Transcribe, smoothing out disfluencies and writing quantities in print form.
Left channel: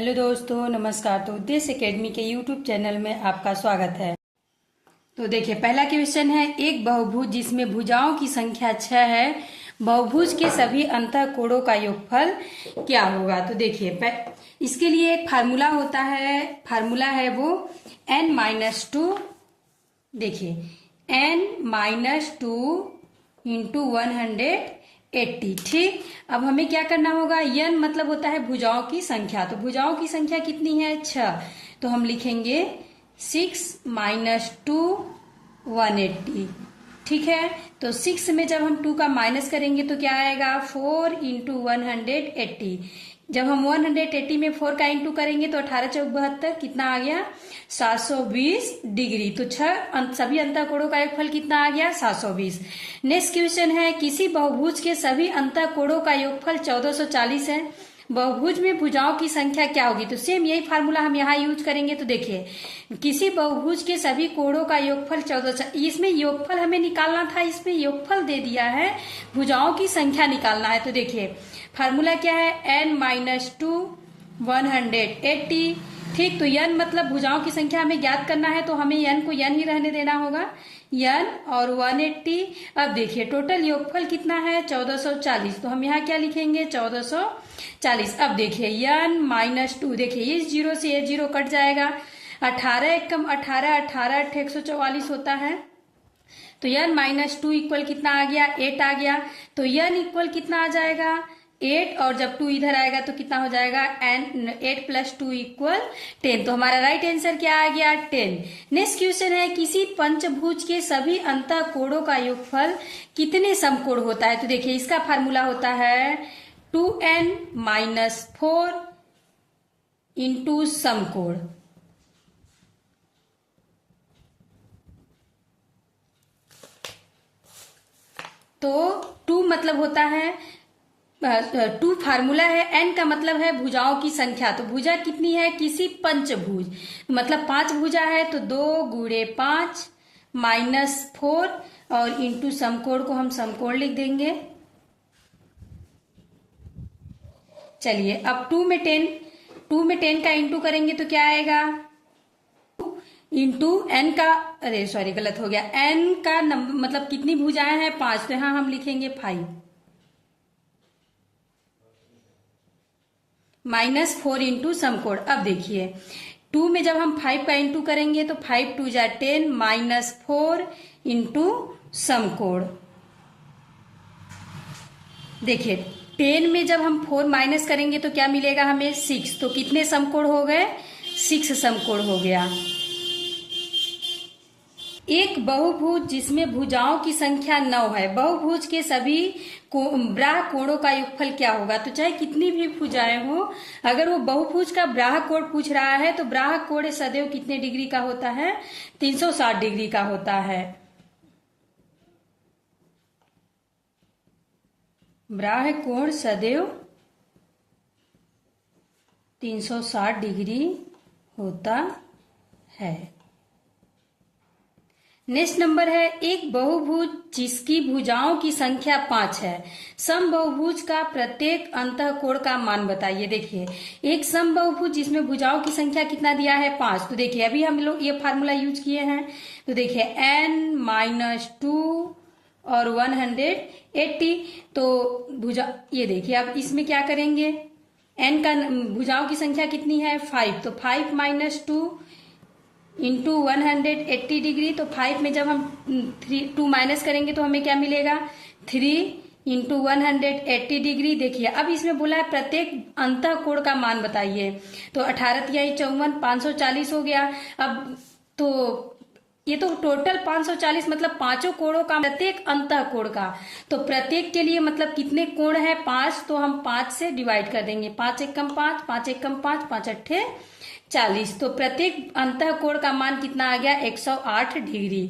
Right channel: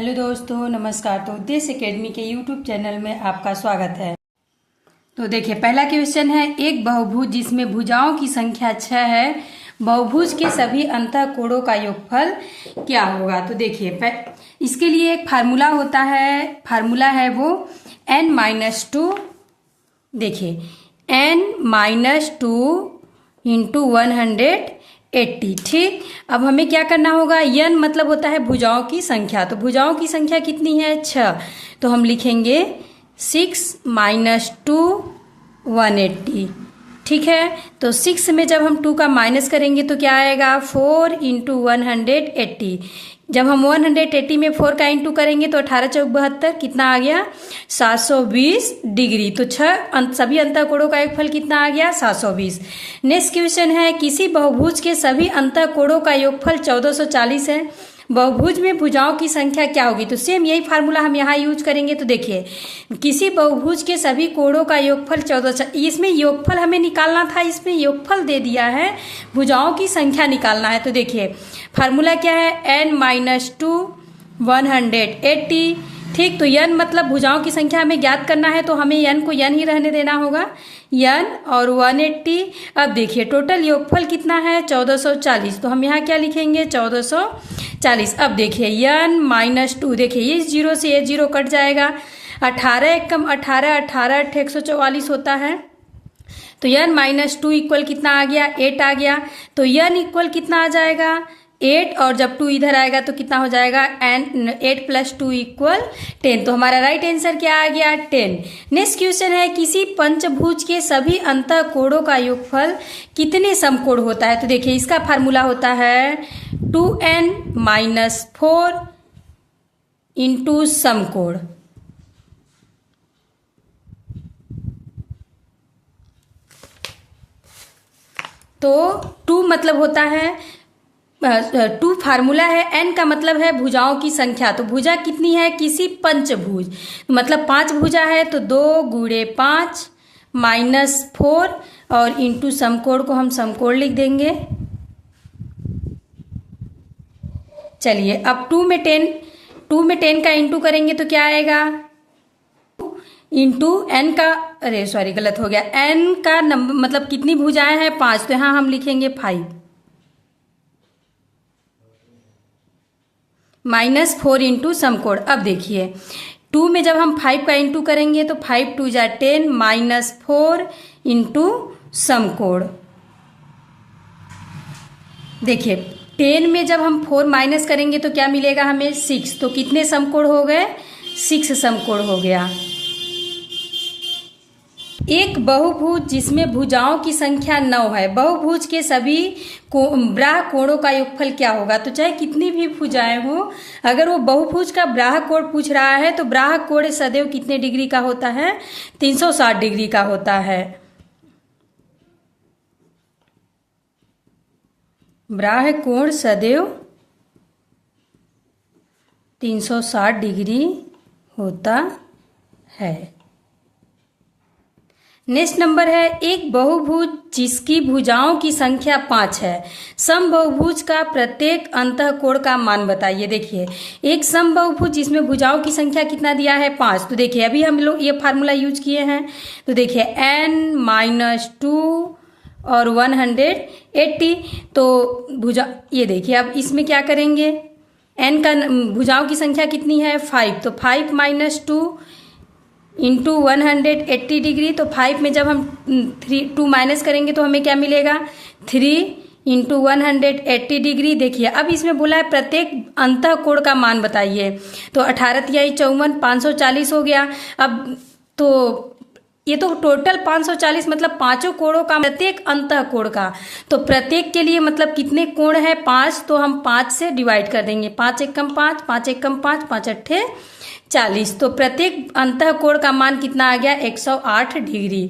Hello दोस्तों, नमस्कार। तो उद्देश्य एकेडमी के यूट्यूब चैनल में आपका स्वागत है। तो देखिए, पहला क्वेश्चन है, एक बहुभुज जिसमें भुजाओं की संख्या 6 है, बहुभुज के सभी अंतःकोणों का योगफल क्या होगा। तो देखिए, इसके लिए एक फार्मूला होता है, फार्मूला है वो n-2। देखिए, n-2 इंटू 180। ठीक, अब हमें क्या करना होगा, n मतलब होता है भुजाओं की संख्या। तो भुजाओं की संख्या कितनी है, 6। तो हम लिखेंगे 6 - 2 180। ठीक है, तो 6 में जब हम 2 का माइनस करेंगे तो क्या आएगा, 4 इंटू 180। जब हम 180 में 4 का इंटू करेंगे तो 18 × 72 कितना आ गया, 720 डिग्री। तो सभी अंतःकोणों का योगफल कितना आ गया, 720। नेक्स्ट क्वेश्चन है, किसी बहुभुज के सभी अंतःकोणों का योगफल 1440 है, बहुभुज में भुजाओं की संख्या क्या होगी। तो सेम यही फार्मूला हम यहाँ यूज करेंगे। तो देखिए, किसी बहुभुज के सभी कोणों का योगफल 1440, इसमें योगफल हमें निकालना था, इसमें योगफल दे दिया है, भुजाओं की संख्या निकालना है। तो देखिए, फार्मूला क्या है, n-2 180। ठीक, तो n मतलब भुजाओं की संख्या हमें ज्ञात करना है, तो हमें n को n ही रहने देना होगा, n और 180। अब देखिए, टोटल योगफल कितना है, 1440। तो हम यहाँ क्या लिखेंगे, 1440। अब देखिए, n-2, देखिए ये 0 से ये 0 कट जाएगा, 18 × 18 18 × 144 होता है। तो n-2 इक्वल कितना आ गया, 8 आ गया। तो n इक्वल कितना आ जाएगा, 8, और जब 2 इधर आएगा तो कितना हो जाएगा, 8 + 2 = 10। तो हमारा राइट आंसर क्या आ गया, 10। नेक्स्ट क्वेश्चन है, किसी पंचभुज के सभी अंतःकोणों का योगफल कितने समकोण होता है। तो देखिए, इसका फार्मूला होता है 2n - 4 इंटू समकोण। तो 2 मतलब होता है 2 फार्मूला है, n का मतलब है भुजाओं की संख्या। तो भुजा कितनी है, किसी पंचभुज मतलब 5 भुजा है, तो 2 × 5 - 4 और इंटू समकोण को हम समकोण लिख देंगे। चलिए, अब 2 में 10 का इंटू करेंगे तो क्या आएगा, इंटू n का, अरे सॉरी गलत हो गया, n का नंबर मतलब कितनी भुजाएं हैं, 5। तो यहाँ हम लिखेंगे 5 -4 इंटू समकोण। अब देखिए, 2 में जब हम 5 का इंटू करेंगे तो 5 × 2 = 10 - 4 इंटू समकोण। देखिए, 10 में जब हम 4 माइनस करेंगे तो क्या मिलेगा हमें, 6। तो कितने समकोण हो गए, 6 समकोण हो गया। एक बहुभुज जिसमें भुजाओं की संख्या 9 है, बहुभुज के सभी ब्राह कोणों का योगफल क्या होगा। तो चाहे कितनी भी भुजाएं हो, अगर वो बहुभुज का ब्राह कोण पूछ रहा है तो ब्राह कोण सदैव कितने डिग्री का होता है, 360 डिग्री का होता है। ब्राह कोण सदैव 360 डिग्री होता है। नेक्स्ट नंबर है, एक बहुभुज जिसकी भुजाओं की संख्या 5 है, समबहुभुज का प्रत्येक अंतःकोण का मान बताइए। देखिए, एक समबहुभुज जिसमें भुजाओं की संख्या कितना दिया है, 5। तो देखिए, अभी हम लोग ये फार्मूला यूज किए हैं। तो देखिए, n-2 और 180। तो भुजा, ये देखिए, अब इसमें क्या करेंगे, n का भुजाओं की संख्या कितनी है, 5। तो 5 - 2 इंटू 180 डिग्री। तो 5 में जब हम 2 माइनस करेंगे तो हमें क्या मिलेगा, 3 इंटू 180 डिग्री। देखिए, अब इसमें बोला है प्रत्येक अंतःकोण का मान बताइए। तो 18 × 3 = 54, 540 हो गया। अब तो ये तो टोटल 540 मतलब पांचों कोणों का, प्रत्येक अंतःकोण का। तो प्रत्येक के लिए मतलब कितने कोण है, 5। तो हम 5 से डिवाइड कर देंगे, 5 × 1 = 5, 5 × 1 = 5, 5 × 8 = 40। तो प्रत्येक अंतःकोण का मान कितना आ गया, 108 डिग्री।